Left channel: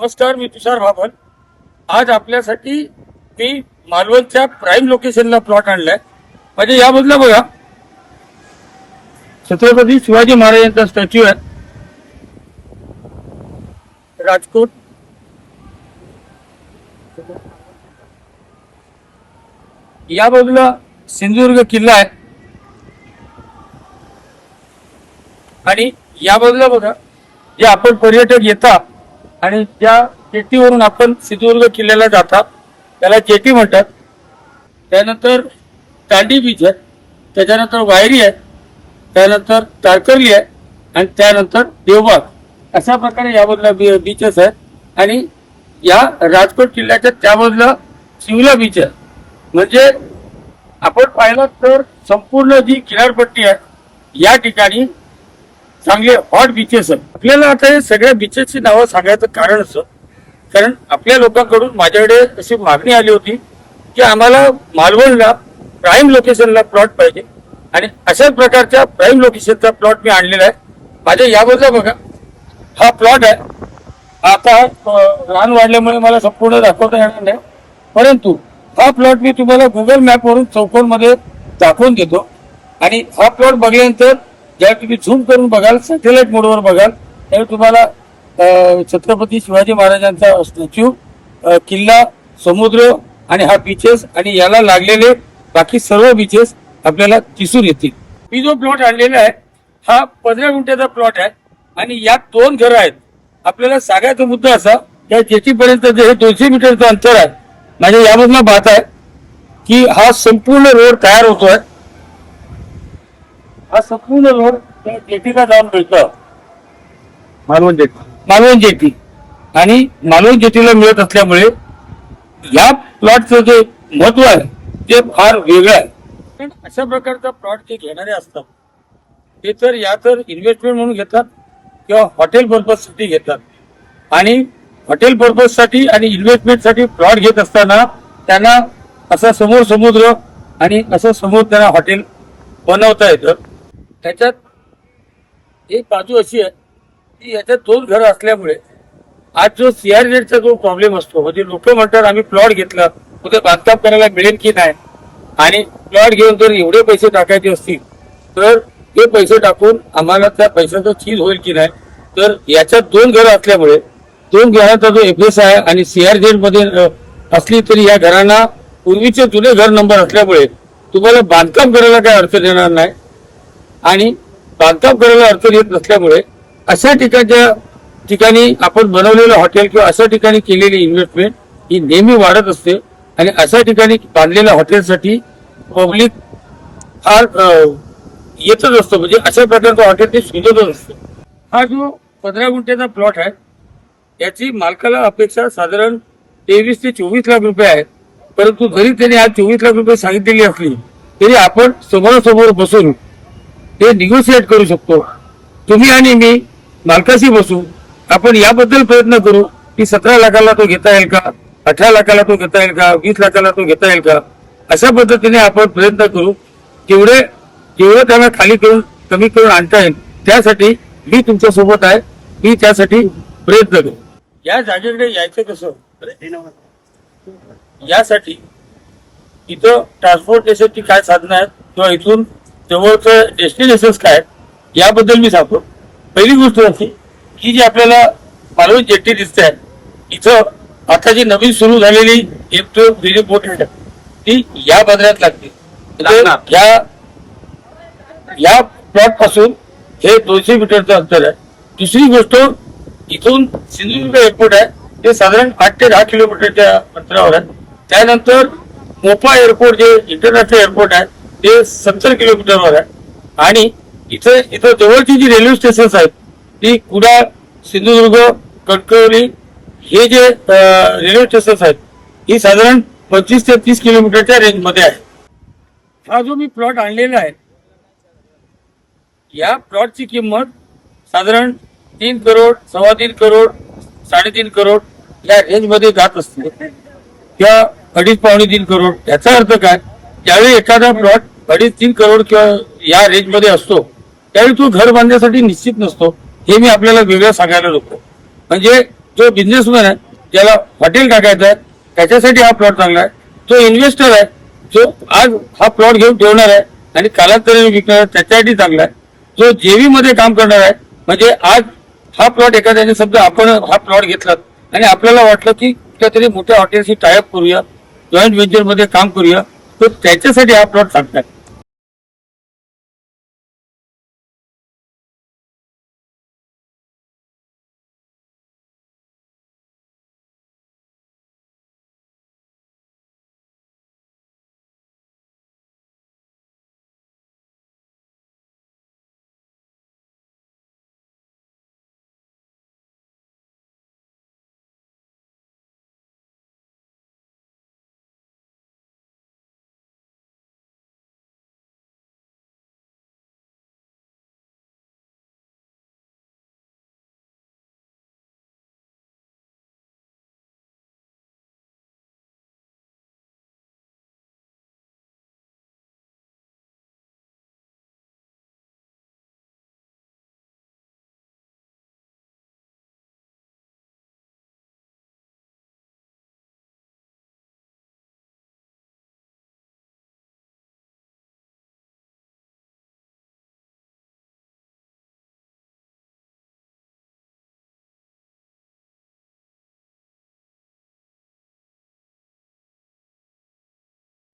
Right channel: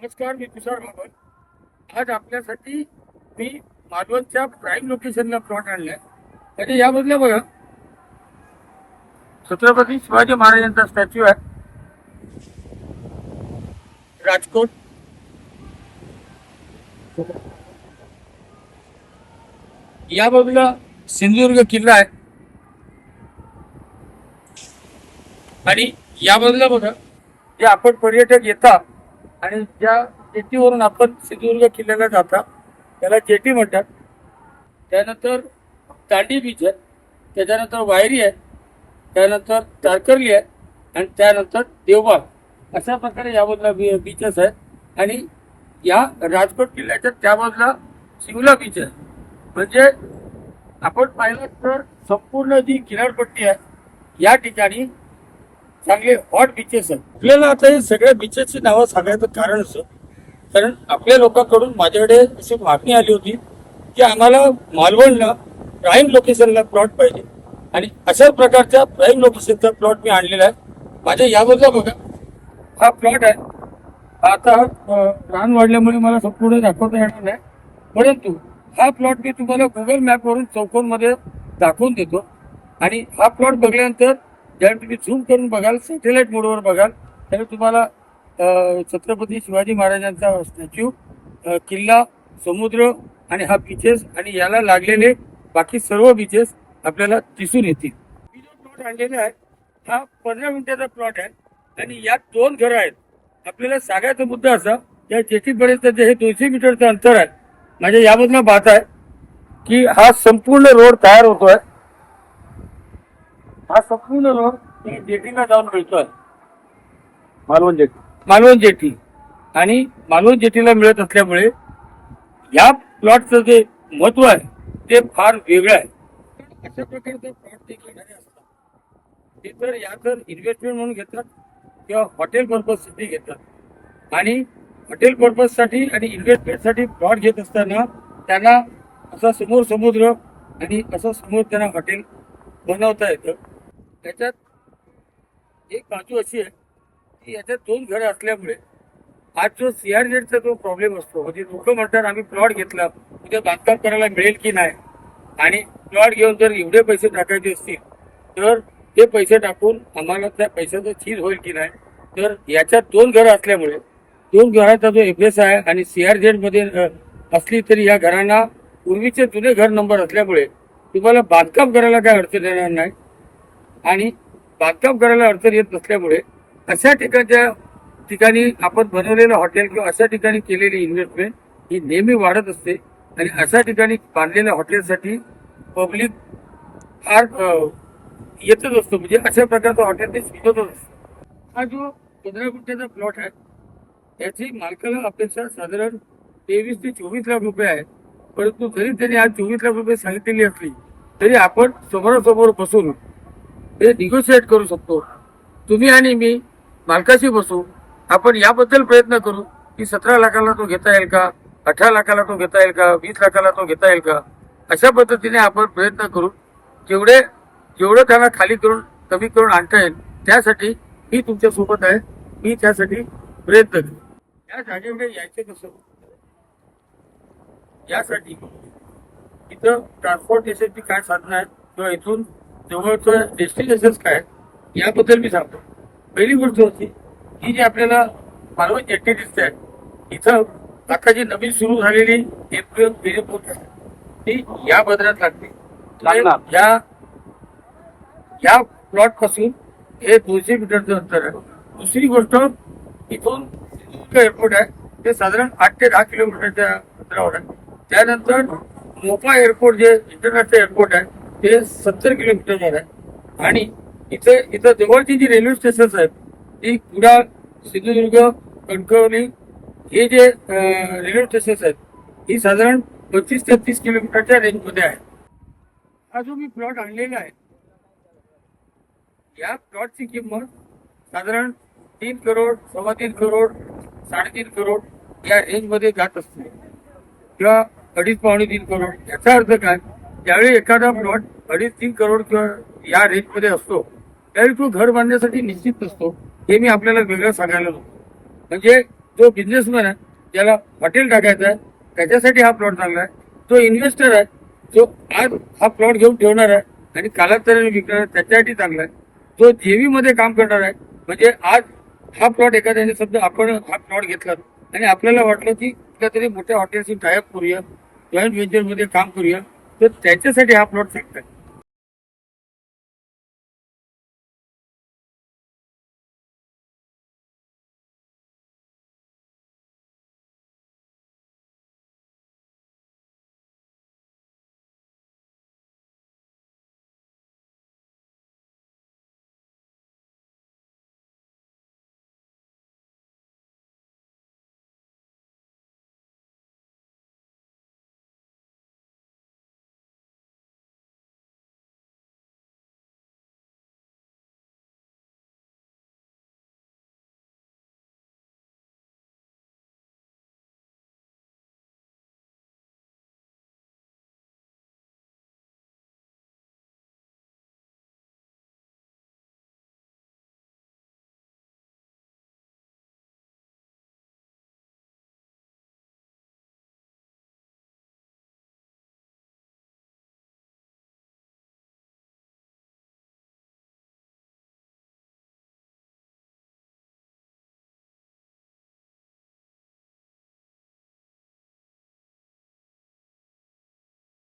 नमस्कार मी तुषार भाबन आज आपल्यासाठी मी मालवणच्या प्राईम लोकेशनला प्लॉट आणलाय. म्हणजे यामधला बघा. छत्रपती शिवाजी महाराजांचा स्टॅच्यू आहे. राजकोट. या बाजूला सिंधुदुर्ग किल्ला आहे. आणि या बाजूला बघा जे आपण पर्यटक येतात आणि ज्या जेटीवरून आपण सिंधुदुर्ग किल्ल्याला जातात त्याला जेटी म्हणतात. त्यानंतर तांडी बीच आहे त्याच्यानंतर वायरी आहे त्यानंतर तारकर्ली आहे आणि त्यानंतर देवबाग. अशा प्रकारे यामधला बी बीचेस आहेत. आणि या राजकोट किल्ल्याच्या त्यामधला शिवला बीच आहे. म्हणजे आपण पाहिलं तर संपूर्ण जी किनारपट्टी आहे या ठिकाणी चांगले हॉट बीचेस आहेत. आपल्याला आता हे सगळ्या बीचेसची नावं सांगायचं कारण असं कारण आपल्या लोकांकडून माझ्याकडे अशी मागणी आली होती की आम्हाला मालवणला प्राईम लोकेशनला प्लॉट पाहिजे. आणि अशाच प्रकारच्या प्राईम लोकेशनचा प्लॉट मी आणलेला आहे. माझ्या याबद्दल बघा. हा प्लॉट आहे. आता रान वाढल्यामुळे मला संपूर्ण दाखवता येणार नाही. परंतु हा प्लॉट मी तुम्हाला गुगल मॅपवरून चौकोनमध्ये दाखवून देतो. आणि हा प्लॉट बघल्यानंतर ज्यावेळी तुम्ही झूम करून बघाल सॅटेलाइट मोडवर बघाल त्यावेळी तुम्हाला छत्रपती शिवाजी महाराजांचा स्टॅच्यू किल्ला समुद्र आणि हा बीचेस आणि याला लागलेले बाकी सर्व बीचेस आपल्याला दिसून येतील. मी जो प्लॉट आणलेला आहे हा पंधरा गुंठ्याचा प्लॉट आहे आणि यात दोन घरं आहेत. आपल्याला सांगायचा मुद्दा असा या जेटीपर्यंत जे हे दोनशे मीटरचं अंतर आहे माझ्या यामधनं पाहत आहे की हा संपूर्ण रोड तयार होतोय. हा संपूर्ण रोड जेटीला जाऊन मिळतो. मालवण जेटी. मालवण जेटी. आणि मालवण जेटीला मिळत असल्यामुळे या प्लॉटचं जे महत्त्व आहे ते फार वेगळं आहे. पण अशा प्रकारचा प्लॉट जे घेणारे असतात ते तर या तर इन्व्हेस्टमेंट म्हणून घेतात किंवा हॉटेल पर्पजसाठी घेतात. आणि हॉटेल पर्पजसाठी आणि इन्व्हेस्टमेंटसाठी प्लॉट घेत असताना त्यांना असा समोर समुद्र आणि असं समोर त्यांना हॉटेल बनवता येतं. त्याच्यात एक बाजू अशी आहे की याच्यात दोन घरं असल्यामुळे आज जो सीआरजेडचा जो प्रॉब्लेम असतो म्हणजे लोक म्हणतात आम्ही प्लॉट घेतला उद्या बांधकाम करायला मिळेल की नाही आणि प्लॉट घेऊन जर एवढे पैसे टाकायचे असतील तर ते पैसे टाकून आम्हाला त्या पैशाचं चीज होईल की नाही? तर याच्यात दोन घरं असल्यामुळे दोन घराचा जो एफएस आहे आणि सीआरजेडमध्ये असली तरी या घरांना पूर्वीचे जुने घर नंबर असल्यामुळे तुम्हाला बांधकाम करायला काय अडचण येणार नाही? आणि बांधकाम करायला अडचण येत नसल्यामुळे अशा ठिकाणच्या ठिकाणी आपण बनवलेलं हॉटेल किंवा अशा ठिकाणी केलेली इन्व्हेस्टमेंट ही नेहमी वाढत असते. आणि अशा ठिकाणी बांधलेल्या हॉटेलसाठी पब्लिक फार येतच असतो. म्हणजे अशा प्रकारचं हॉटेल ते शोधतच असतं. हा जो पंधरा गुंठ्याचा प्लॉट आहे याची मालकाला अपेक्षा साधारण तेवीस ते चोवीस लाख रुपये आहे परंतु जरी त्यांनी आज चोवीस लाख रुपये सांगितलेली असली तरी आपण समोरासमोर बसून ते निगोशिएट करू शकतो. तुम्ही आणि मी मालकाशी बसू. आपण याबद्दल प्रयत्न करू. की सतरा लाखाला तो घेता येईल का? अठरा लाखाला तो घेता येईल का? वीस लाखाला तो घेता येईल का? अशा पद्धतीने आपण प्रयत्न करू. जेवढे जेवढे त्यांना खाली करून कमी करून आणता येईल त्यासाठी मी तुमच्यासोबत आहे. मी त्यासाठी प्रयत्न करू. या जागेकडे यायचं कसं? यासाठी इथं ट्रान्सपोर्टेशनची काय साधनं आहेत? किंवा इथून जवळचं डेस्टिनेशन्स काय याबद्दल मी सांगतो. पहिली गोष्ट अशी की जी आपल्याला मालवण जेट्टी दिसते आहे इथं आता जी नवीन सुरू झालेली एक बिली बोट आहे ती या बंदरात लागते. या या प्लॉटपासून हे दोनशे मीटरचं अंतर आहे. दुसरी गोष्ट इथून सिंधुदुर्ग एअरपोर्ट आहे ते साधारण आठ ते दहा किलोमीटरच्या अंतरावर आहे. त्यानंतर मोपा एअरपोर्ट जे इंटरनॅशनल एअरपोर्ट आहे ते सत्तर किलोमीटरवर आहे. आणि इथं इथं जवळची जी रेल्वे स्टेशन्स आहेत ती कुडाळ सिंधुदुर्ग कणकवली हे जे रेल्वे स्टेशन्स आहेत ही साधारण पंचवीस ते तीस किलोमीटरच्या रेंजमध्ये आहे. हा जो मी प्लॉट आणलेला आहे या प्लॉटची किंमत साधारण तीन करोड सव्वा तीन करोड साडेतीन करोड या रेंजमध्ये जात असते. किंवा अडीच पावणे तीन करोड. याचा अर्थ काय? ज्यावेळी एखादा प्लॉट अडीच तीन करोड किंवा या रेंजमध्ये असतो त्यावेळी तो घर बांधण्यासाठी निश्चित नसतो हे मी आपल्याला वेगळं सांगायला नको. म्हणजे जो बिझनेसमॅन आहे ज्याला हॉटेल टाकायचं आहे त्याच्यासाठी हा प्लॉट चांगला आहे. जो इन्व्हेस्टर आहे जो आज हा प्लॉट घेऊन ठेवणार आहे आणि कालांतराने विकणार आहे त्याच्यासाठी चांगला आहे. जो जेवी मध्ये काम करणार आहे म्हणजे आज हा प्लॉट एखाद्याने समजा आपण हा प्लॉट घेतला आणि आपल्याला वाटलं की कुठल्या तरी मोठ्या हॉटेलशी टायअप करूया जॉईंट व्हेंचरमध्ये काम करूया तर त्याच्यासाठी हा प्लॉट चांगला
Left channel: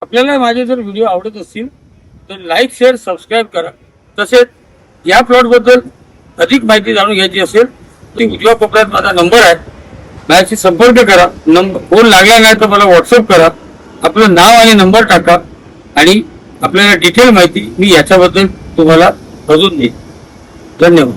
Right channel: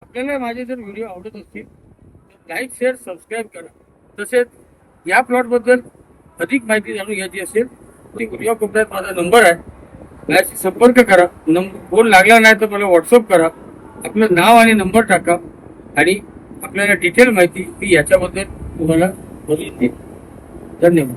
आपल्याला माझे जर व्हिडिओ आवडत असतील तर लाईक शेअर सबस्क्राईब करा. तसेच या प्लॉटबद्दल अधिक माहिती जाणून घ्यायची असेल ती उजव्या कोपऱ्यात माझा नंबर आहे. माझ्याशी संपर्क करा. नंबर फोन लागला नाही तर मला व्हॉट्सअप करा. आपलं नाव आणि नंबर टाका. आणि आपल्याला डिटेल माहिती मी याच्याबद्दल तुम्हाला अजून देईन. धन्यवाद.